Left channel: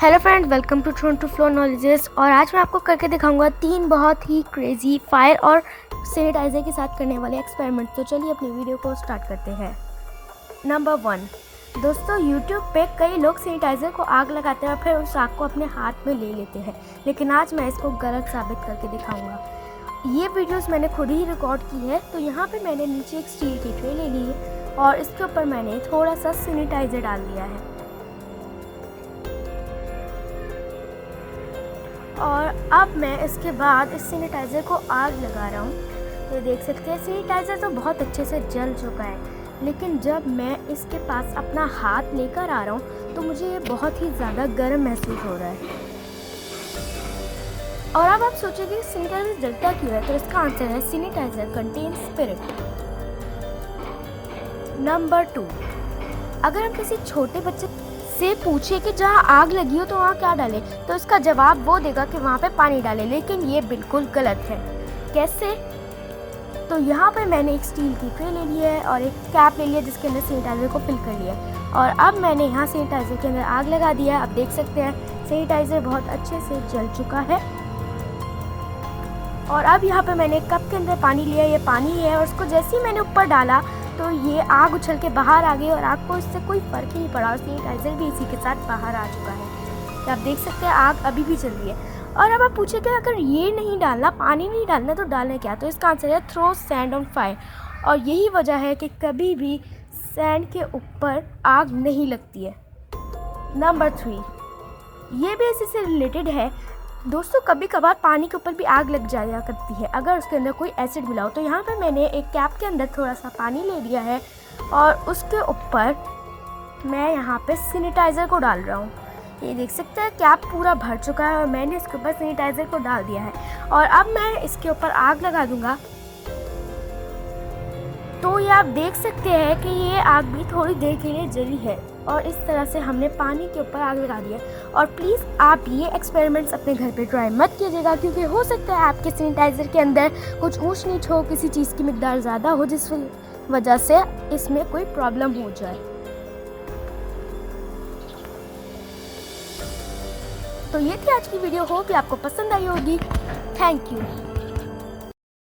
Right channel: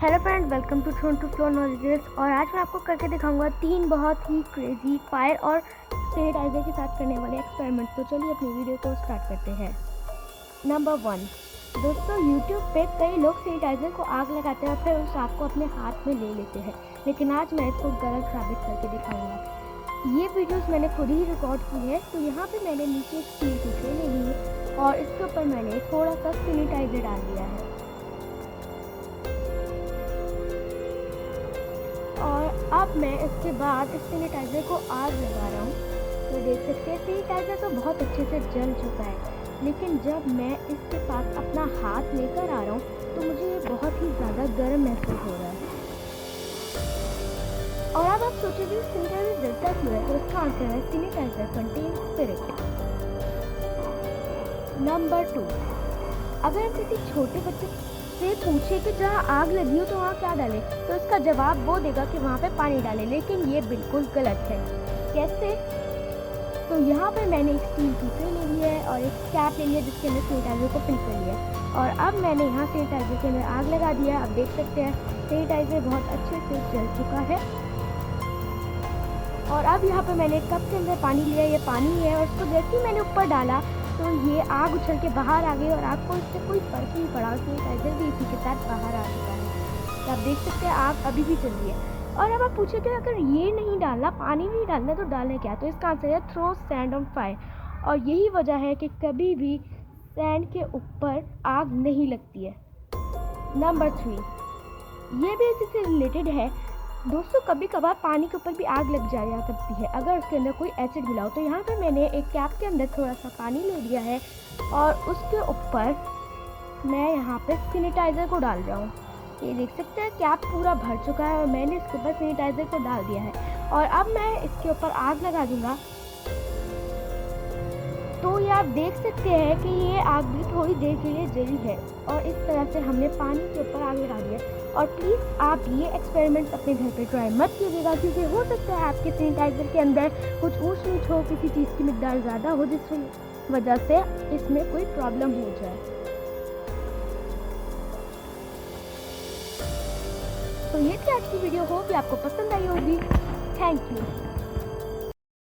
Hello friends, welcome to Toronto flow knowledges. और आज मैं आपको करके दिखाऊंगा 3 बहुत ही क्रेजी फायर और सैनिटाइज़र के साथ करने वाले एक्सपेरिमेंट। तो चलिए अपनी वीडियो को स्टार्ट करते हैं। नंबर 1, दोस्तों यूट्यूब पे कई लोग सैनिटाइज़र को आग लगाते हैं और फिर उस आग को अपने हाथ में ले लेते हैं, लेकिन आज मैं इसको गलत साबित करके दिखाऊंगा। ये वीडियोस मैंने खुद ही रिकॉर्ड की है। तो यहाँ पे मैंने नीचे एक स्टील की ट्रे ले ली है और इसके ऊपर मैंने थोड़ा सा सैनिटाइज़र डाल दिया है और अब मैं इसके बाद इस सैनिटाइज़र को आग लगा रहा हूँ। तो देख सकते हैं सैनिटाइज़र तो बहुत अच्छे से जल चुका है, लेकिन जब मैं इसके पास अपना हाथ लेकर आ रहा हूँ तो मुझे ये बहुत ही ज़्यादा गर्म महसूस हो रहा है। और अब आप सोचेंगे सैनिटाइज़र जलता क्यों है, तो इसका आंसर है सैनिटाइज़र कंटेन स्पिरिट। नंबर 2, अगर हम किसी छोटे बच्चे से पूछे कि जहाँ आग लगी हो तो वहाँ क्या डालें, तो इसका जवाब वो देगा कि वहाँ पे पानी डालें, लेकिन ये बिल्कुल गलत है। कैसे? तो यहाँ पे मैंने एक स्टील की ट्रे ले ली है और एक कैप ले लिया जिसके अंदर सैनिटाइज़र को फिल कर लिया है और अब मैंने यहाँ सैनिटाइज़र के अंदर आग लगा दिया है। अब देख सकते हैं सैनिटाइज़र बहुत अच्छे से जल चुका है। और अब यहाँ पे मैंने एक कप के अंदर पानी लिया, ये पानी है और उसको जैसे ही मैंने ऊपर डाला तो ये आग उछल के बाहर आ गई और आग को इससे कोई फ़र्क नहीं पड़ा। सैनिटाइज़र भी इसी के साथ बाहर आ चुका है। तो आप देख सकते हैं आग अभी भी चल रही है। और अब आप पूछेंगे अगर ये नहीं डालना, पानी नहीं डालना, तो डालना क्या? तो इसका आंसर है थ्रो सैंड ऑन फायर। और यही वजह है कि कभी भी सैंड के ऊपर आग नहीं लगती है। नंबर 3, ये भी इसी से रिलेटेड है। दोस्तों कभी कभार पानी के ऊपर भी आग लग जाया करती है अगर उसके अंदर कोई एसिड मिला हो। तो यहाँ पर मैंने एक कैप के अंदर थोड़ा सा पानी ले लिया है और उसके ऊपर मैं यहाँ पे सैनिटाइज़र को डाल रहा हूँ। ये देख सकते हैं कैप पूरा भर चुका है और मैंने इसके ऊपर सैनिटाइज़र को डाल दिया है और अब मैं इसके ऊपर आग लगा दूँगा। तो ये आप देख सकते हैं कि ये आग भी थोड़ी देर के लिए जली है और इस तरह से हमने पानी के ऊपर आग लगा दिया। और प्लीज़ आप ये एक्सपेरिमेंट्स अपने घर पे ट्राई मत कीजिएगा, क्योंकि हो सकता है आपके सैनिटाइज़र के अंदर कुछ ऊंच नीच हो, किसी चीज़ की मिकदार ज़्यादा हो, जिस वजह से इसमें कोई प्रॉब्लम हो जाए। तो ये थी आज की वीडियो, होप कि आपको पसंद आई होगी। Thank you.